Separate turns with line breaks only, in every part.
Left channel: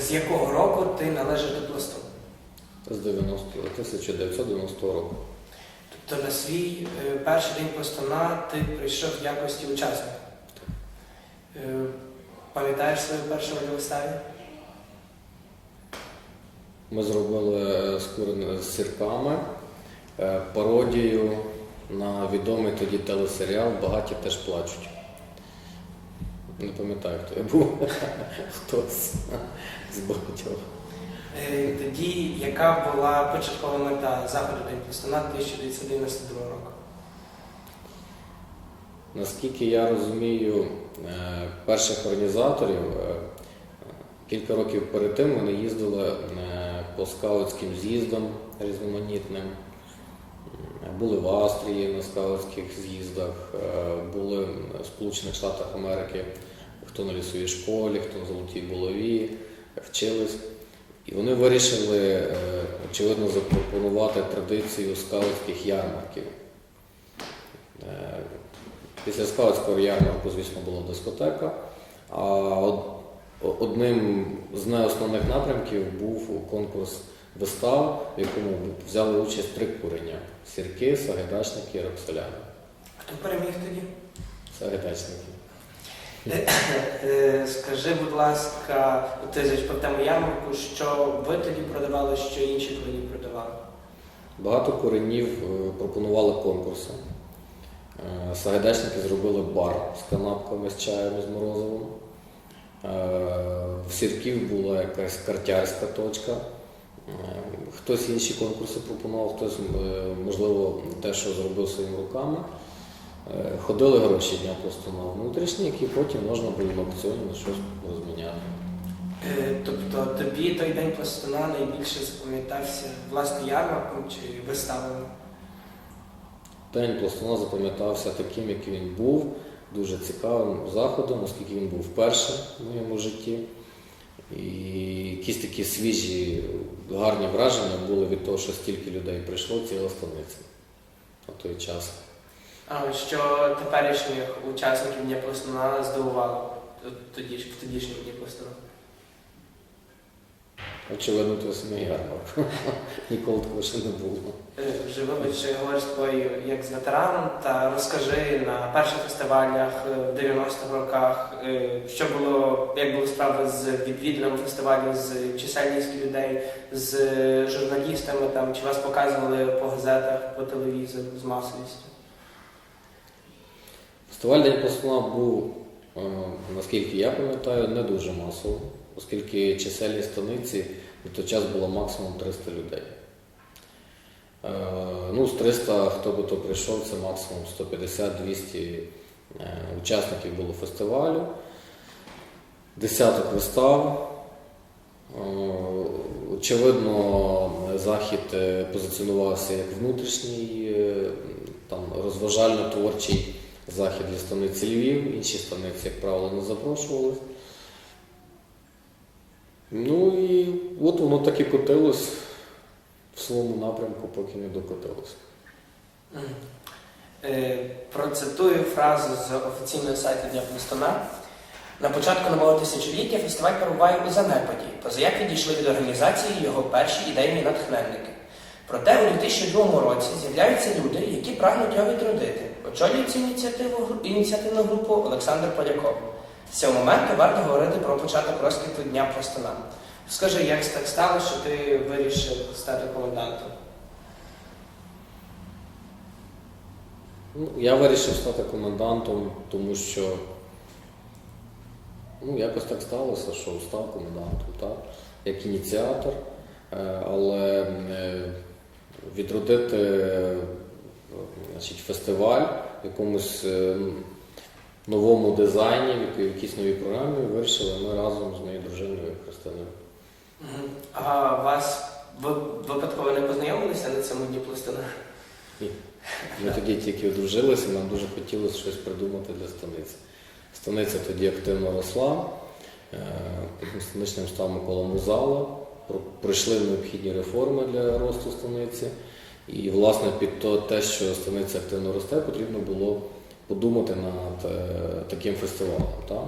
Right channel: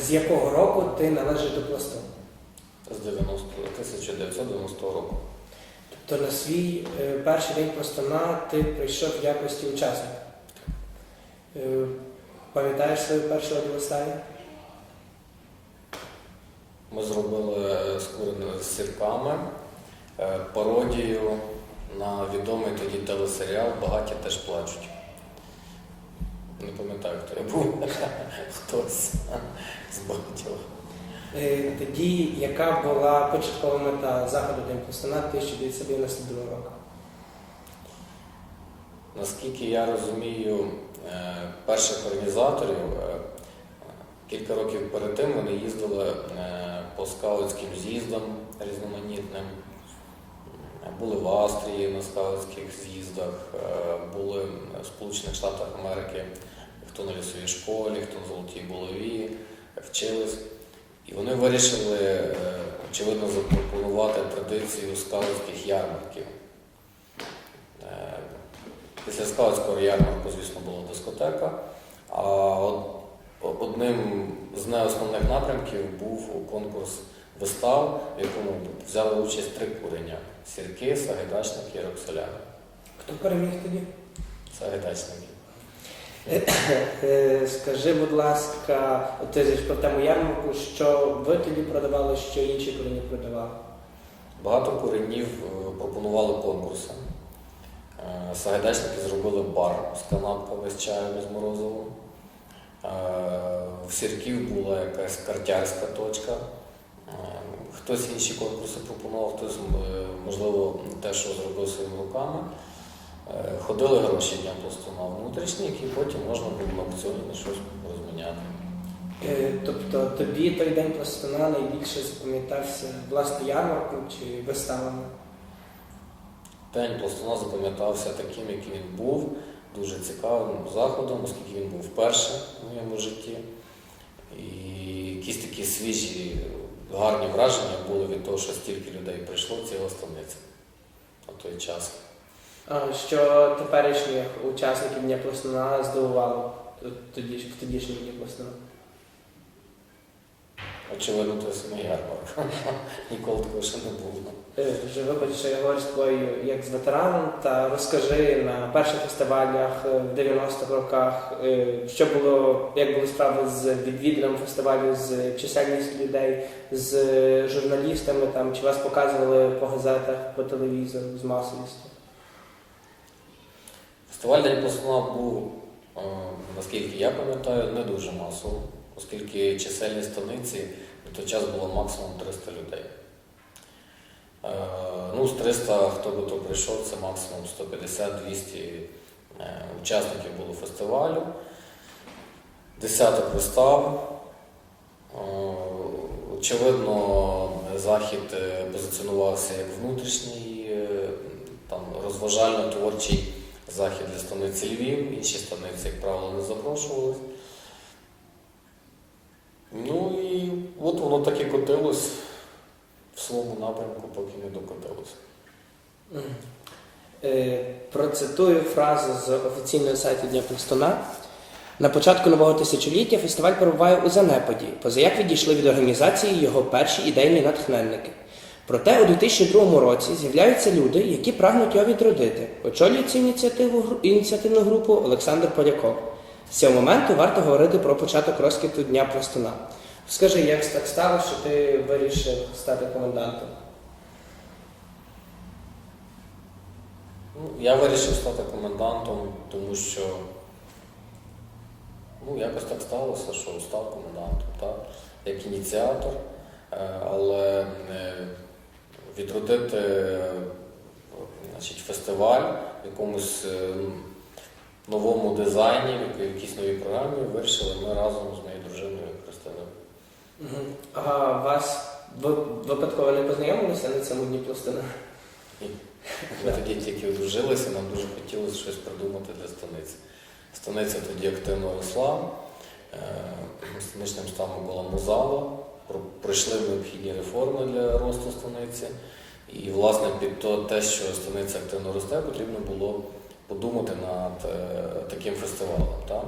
З якого року ти належиш до пласту?
З 90 1990 року.
Тобто на свій е, перший день пластуна ти прийшов в якості учасника. Е, Пам'ятаєш свою першу радіостані?
Ми зробили з з сірками е, пародію на відомий тоді телесеріал Багаті теж плачуть. Не пам'ятаю, хто я був. Хтось з багатьох.
Е, Тоді яка була початкова мета заходу День пластуна 1992 року?
Наскільки я розумію е, перших організаторів, е, кілька років перед тим вони їздили по скаутським з'їздам різноманітним. Були в Австрії на скаутських з'їздах, е, були в Сполучених Штатах Америки, хто на лісовій школі, хто на золотій булаві, вчились. І вони вирішили, е, очевидно, запропонувати традицію скаутських ярмарків. Е, Після скаутського ярмарку, звісно, була дискотека. А одним з неосновних напрямків був конкурс вистав, в якому взяли участь три курення сірки, сагайдачники і роксоляни.
Хто переміг тоді?
Сагайдачники.
Е, Скажи, будь ласка, ти зачепив тему ярмарку, що ви тоді продавали, що інші курені продавали?
Багато куренів е, пропонували конкурси. Е, Сагайдачники зробили бар з канапками з чаєм з морозивом. Е, В сірків була якась картярська точка. Хтось інші конкурси пропонував, хтось, е, можливо, те, що зробив своїми руками. Е, Ходили гроші дня просто на внутрішні, які потім можна було на аукціоні на щось розміняти.
Е, Тобто тобі той день пластуна найбільше запам'ятався власне ярмарком чи виставами?
День пластуна запам'ятався таким, яким він був, дуже цікавим заходом, оскільки він був вперше в моєму житті. І якісь такі свіжі, гарні враження були від того, що стільки людей прийшло, ціла станиця на той час.
А що теперішніх учасників Дня пластуна здивувало в тодішньому Дні пластуна?
Очевидно, то самий ярмарок. Ніколи такого ще не було.
Е, Вже вибач, що я говорю з тобою як з ветераном, та розкажи на перших фестивалях е, в 90-х роках, е, що було, як були справи з відвідуванням фестивалю, з чисельністю людей, з журналістами, там, чи вас показували по газетах, по телевізору з масовістю?
Фестиваль День пластуна був, наскільки я пам'ятаю, не дуже масово, оскільки чисельність станиці в той час було максимум 300 людей. Е, Ну, з 300, хто би то прийшов, це максимум 150-200 е, учасників було фестивалю, десяток вистав. Е, Очевидно, захід позиціонувався як внутрішній, там, розважально-творчий захід для станиці Львів, інші станиці, як правило, не запрошували. Ну і от воно так і котилось в своєму напрямку, поки не докотилось.
Е, Процитую фразу з офіційного сайту Дня На початку нового тисячоліття фестиваль перебуває у занепаді, поза як відійшли від організації його перші ідейні натхненники. Проте у 2002 році з'являються люди, які прагнуть його відродити. Очолює цю ініціативу ініціативну групу Олександр Поляков. З цього моменту варто говорити про початок розквіту Дня Пластуна. Скажи, як так сталося, що ти вирішив стати комендантом?
Ну, я вирішив стати комендантом, тому що ну, якось так сталося, що став комендантом, так? як ініціатор, Е, але е, відродити е, значить, фестиваль якомусь новому дизайні, в якійсь новій програмі вирішили ми разом з моєю дружиною Христиною.
А вас ви випадково не познайомилися на цьому дні пластуна?
Ми тоді тільки одружилися, нам дуже хотілося щось придумати для станиці. Станиця тоді активно росла, е, станичним став Микола Мозала, пройшли необхідні реформи для росту станиці. І, власне, під те, що станиця активно росте, потрібно було подумати над е, таким фестивалем. Так?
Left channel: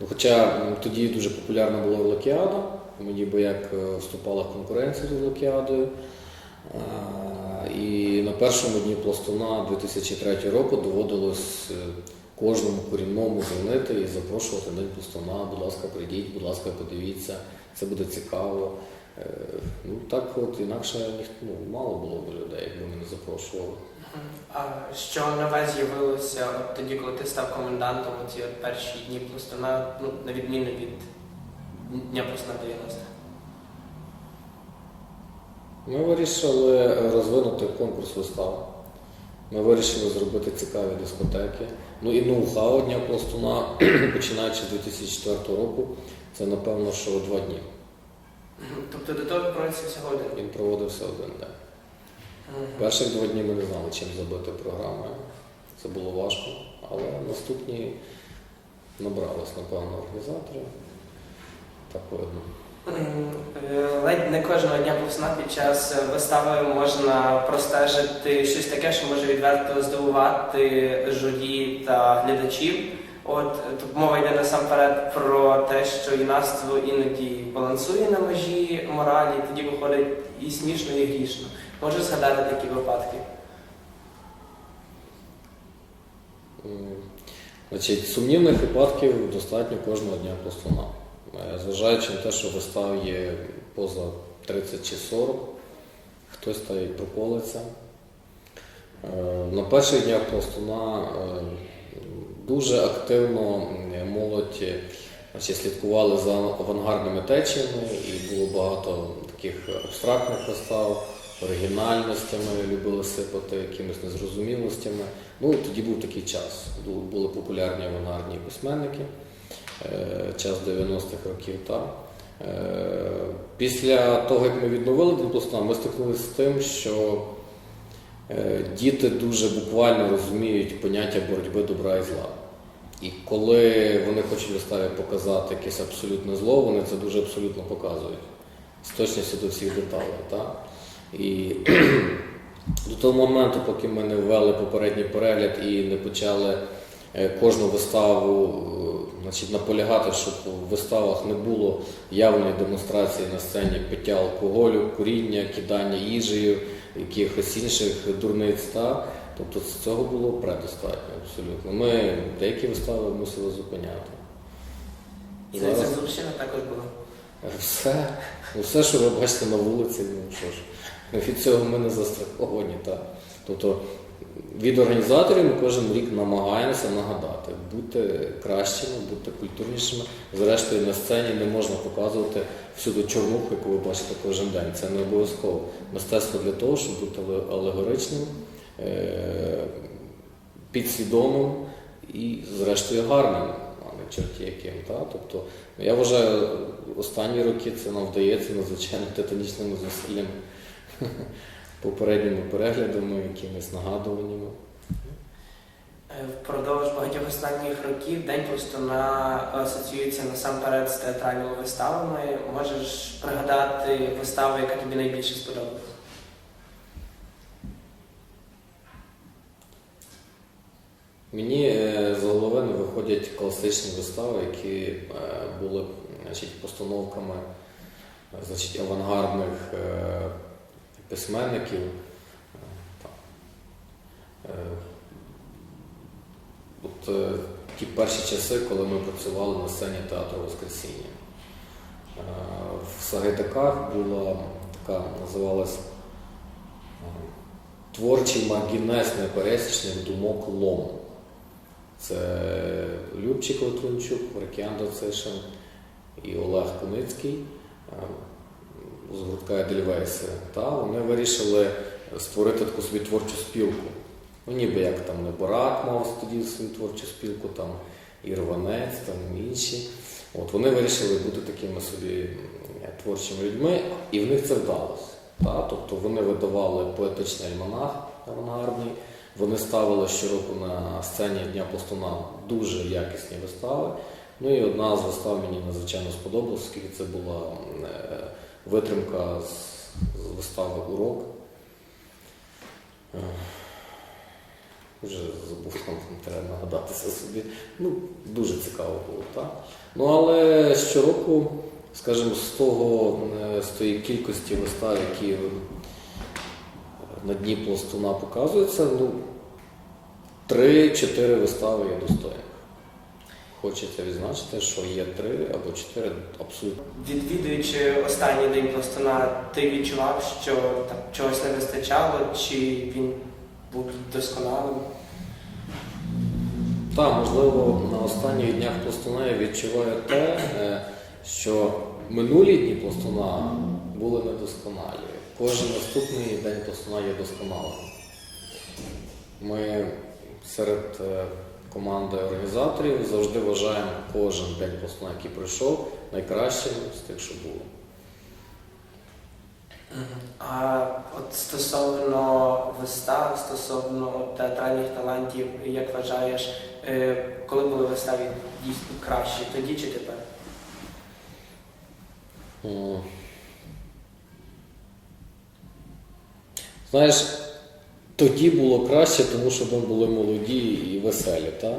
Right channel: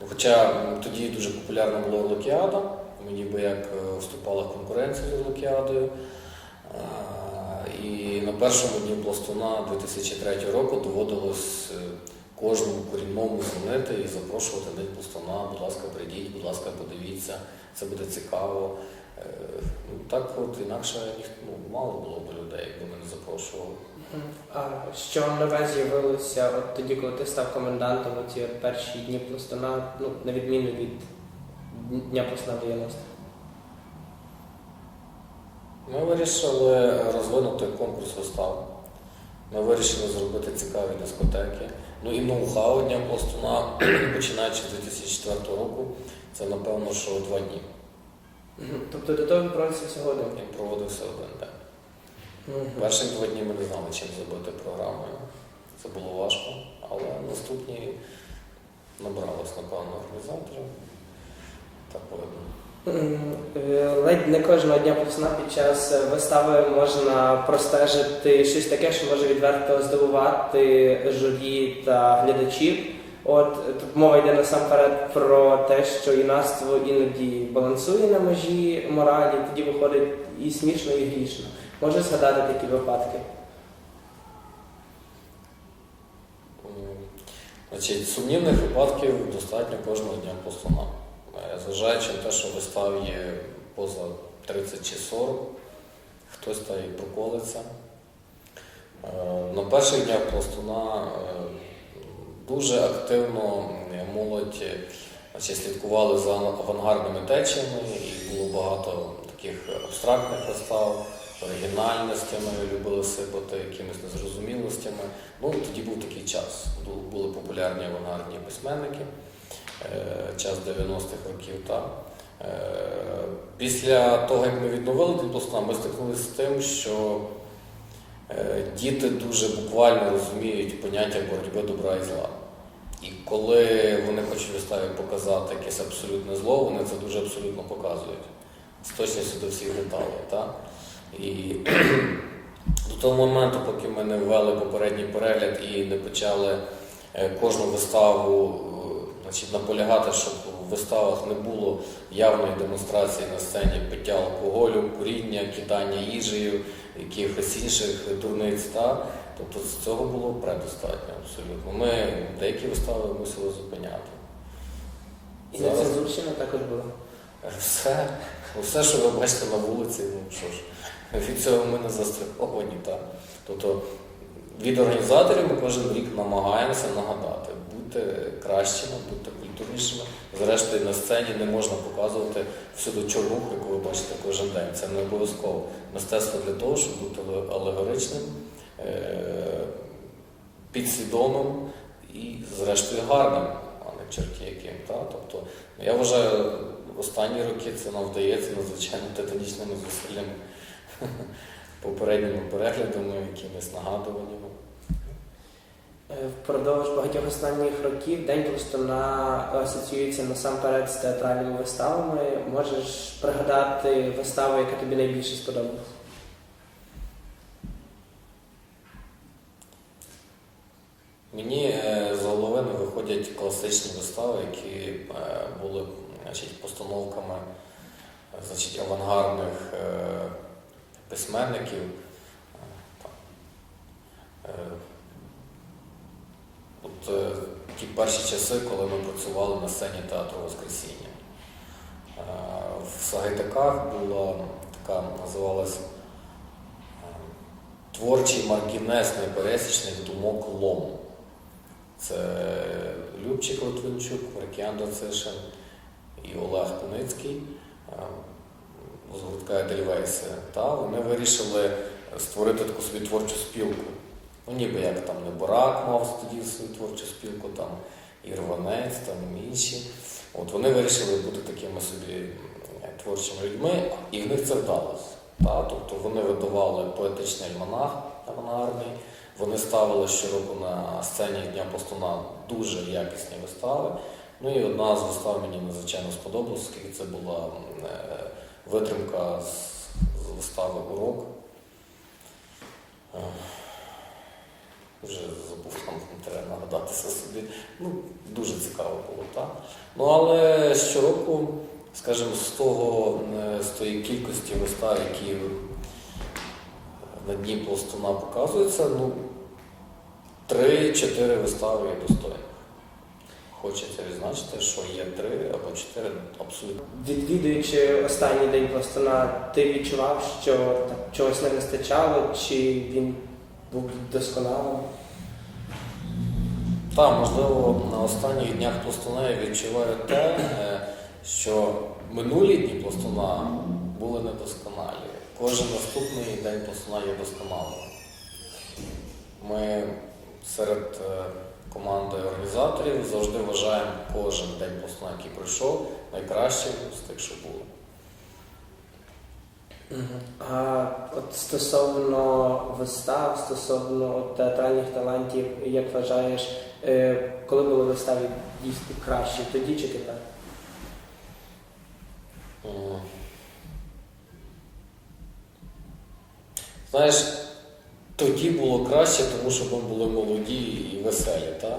Ну, Хоча тоді дуже популярна була Локіада, ми ніби як е, вступала в конкуренцію з Локіадою. І на першому дні пластуна 2003 року доводилось е, кожному корінному дзвонити і запрошувати день пластуна, будь ласка, прийдіть, будь ласка, подивіться, це буде цікаво. Ну так от інакше ну, мало було б людей, якби ми не запрошували.
А що нове з'явилося от тоді, коли ти став комендантом у ці от перші дні пластуна, ну, на відміну від Дня пластуна 90
Ми вирішили розвинути конкурс вистав. Ми вирішили зробити цікаві дискотеки. Ну і ноу-хау Дня пластуна, починаючи з 2004 року, це напевно, що два дні.
Тобто до того проводиться всього один.
Він проводився один день. Перші два дні ми не знали, чим забити програму. Це було важко, але наступні набралися, напевно, організатори. Так видно.
Е, Ледь не кожного дня пластуна під час вистави можна простежити щось таке, що може відверто здивувати журі та глядачів. От тут мова йде насамперед про те, що юнацтво іноді балансує на межі моралі, тоді виходить і смішно, і грішно. Можу згадати такі випадки.
Значить, сумнівних випадків достатньо кожного дня пластуна. Е, Зважаючи на те, що вистав є поза 30 чи 40, хтось та й проколиться. На перших днях пластуна е, дуже активно молодь слідкували за авангардними течіями, було багато таких абстрактних вистав, оригінальностями, любили сипати якимись незрозумілостями. Ну, тоді був такий час. Були популярні авангардні письменники, е, час 90-х років. Та. Е, Після того, як ми відновили Діплосна, ми стикнулися з тим, що е, діти дуже буквально розуміють поняття боротьби добра і зла. І коли вони хочуть виставі показати якесь абсолютне зло, вони це дуже абсолютно показують. З точністю до всіх деталей. Та? І до того моменту, поки ми не ввели попередній перегляд і не почали е, кожну виставу е, значить, наполягати, щоб в виставах не було явної демонстрації на сцені пиття алкоголю, куріння, кидання їжею, якихось інших дурниць. Та? Тобто з цього було предостатньо абсолютно. Ми деякі вистави мусили зупиняти. І
Це
зараз
також була.
все, все, що ви бачите на вулиці, ну що ж, від цього ми не застраховані. Так. Тобто від організаторів ми кожен рік намагаємося нагадати, бути кращими, бути культурнішими. Зрештою, на сцені не можна показувати всюди чорнуху, яку ви бачите кожен день. Це не обов'язково. Мистецтво для того, щоб бути алегоричним, е, підсвідомим і, зрештою, гарним, а не чорті яким. Так? Тобто, я вважаю, останні роки це нам вдається надзвичайно титанічними зусиллями, попередніми переглядами, якимись нагадуваннями.
Е, Впродовж багатьох останніх років День пластуна асоціюється насамперед з театральними виставами. Можеш пригадати виставу, яка тобі найбільше сподобалась?
Мені е, з голови не виходять класичні вистави, які е, були значить, постановками значить, авангардних письменників. Е, От е, ті перші часи, коли ми працювали на сцені театру Воскресіння. Е, В Сагайдаках була така, називалась е, творчий маргінез непересічних думок лом. Це Любчик Литвинчук, Маркіян Доцишин і Олег Куницький е, з гуртка. Та вони вирішили створити таку собі творчу спілку. Ну, ніби як там Неборак мав тоді свою творчу спілку, там і Рванець, там інші. От вони вирішили бути такими собі творчими людьми, і в них це вдалося. Та? Тобто вони видавали поетичний альманах авангардний, вони ставили щороку на сцені Дня Пластуна дуже якісні вистави. Ну і одна з вистав мені надзвичайно сподобалась, оскільки це була е, витримка з, вистави Урок. Вже забув, треба нагадатися собі. Ну, дуже цікаво було, так? Ну, але щороку, скажімо, з того, е, з тої кількості вистав, які на дні пластуна показуються, ну, три-чотири вистави є достойні. Хочеться відзначити, що є три або чотири абсолютно.
Відвідуючи останній день пластуна, ти відчував, що так, чогось не вистачало, чи він був досконалим?
Так, можливо, на останніх днях пластуна я відчуваю те, е, що минулі дні пластуна були недосконалі. Кожен наступний день пластуна є досконалим. Ми серед команди організаторів завжди вважаємо кожен день пластуна, який пройшов, найкращим з тих, що було.
А от стосовно вистав, стосовно от театральних талантів, як вважаєш, е, коли були вистави дійсно кращі, тоді чи тепер?
Знаєш, тоді було краще, тому що ми були молоді і веселі. Та?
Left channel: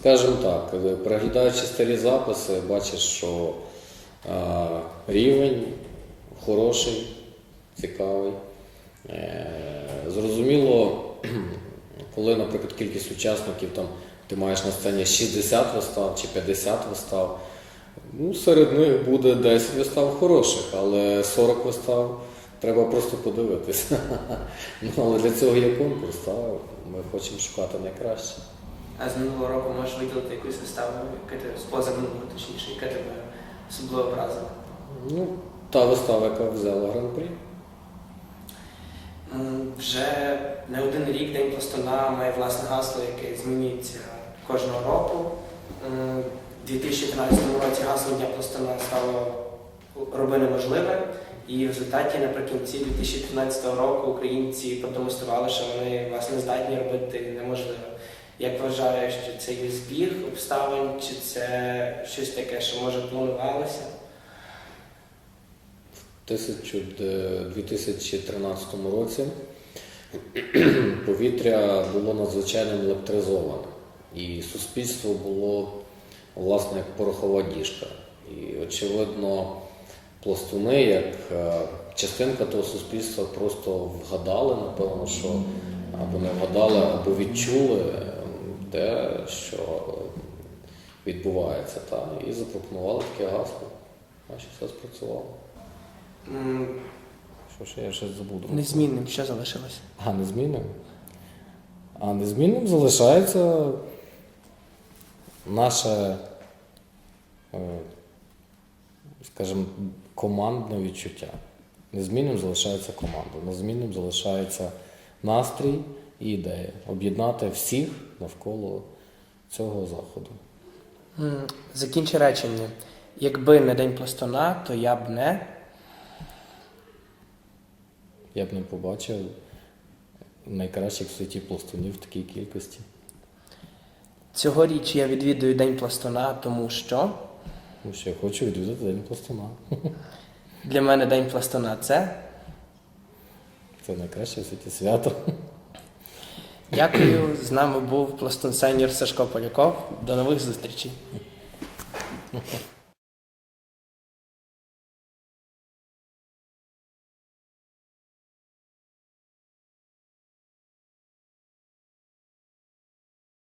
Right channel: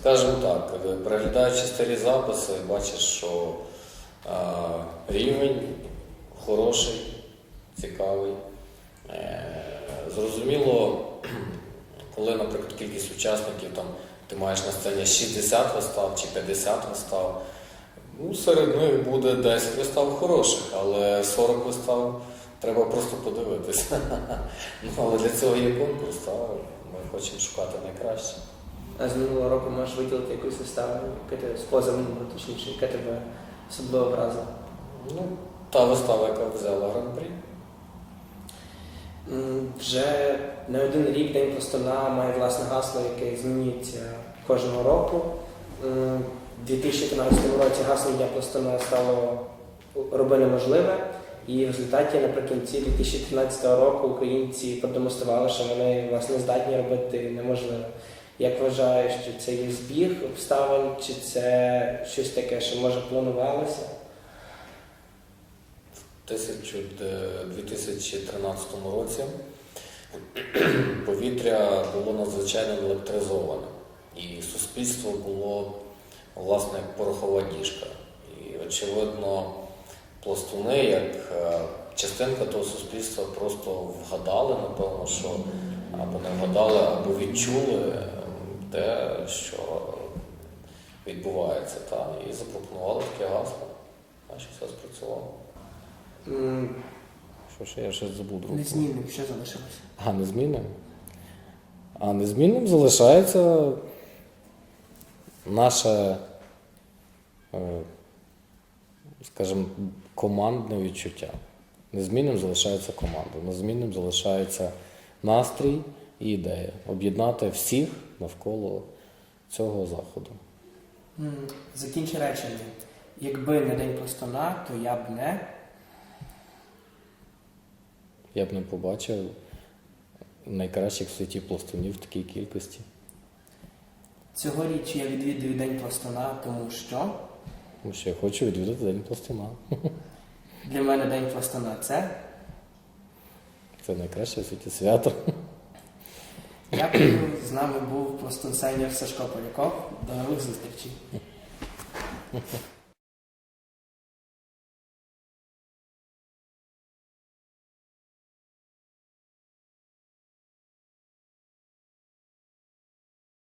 Скажімо так, е, переглядаючи старі записи, бачиш, що а, рівень хороший, цікавий. Е, зрозуміло, коли, наприклад, кількість учасників там, ти маєш на сцені 60 вистав чи 50 вистав, Ну, серед них буде 10 вистав хороших, але 40 вистав треба просто подивитися. Ну, але для цього є конкурс, та ми хочемо шукати найкраще.
А з минулого року можеш виділити якусь виставу, яка тебе з позаминулого, точніше, яка тебе особливо вразила?
Ну, та вистава, яка взяла гран-прі.
М, Вже не один рік День пластуна має власне гасло, яке змінюється кожного року. У 2013 році гаслом Дня пластуна стало роби неможливе. І в результаті наприкінці 2013 року українці продемонстрували, що вони власне здатні робити неможливе. Як вважаєш, чи це є збіг обставин, чи це щось таке, що може планувалося?
В 2013 році повітря було надзвичайно електризоване, і суспільство було власне порохова діжка. І очевидно, пластуни, як е, частинка того суспільства, просто вгадали, напевно, що або не вгадали, або відчули е, те, що відбувається, та, і запропонували таке гасло. Значить, все спрацювало. Що ще я щось забув?
Незмінним, що залишилося?
А, незмінним? А незмінним залишається наше, е, скажімо, командне відчуття. Незмінним залишається команда, незмінним залишається настрій і ідея об'єднати всіх навколо цього заходу.
Закінчи речення. Якби не день пластуна, то я б не.
Я б не побачив найкращих в світі пластунів в такій кількості.
Цьогоріч я відвідую День пластуна, тому що
Тому що я хочу відвідати День пластуна.
для мене День пластуна це.
Це найкраще в світі свято.
Дякую. З нами був пластун сеньор Сашко Поляков. До нових зустрічей.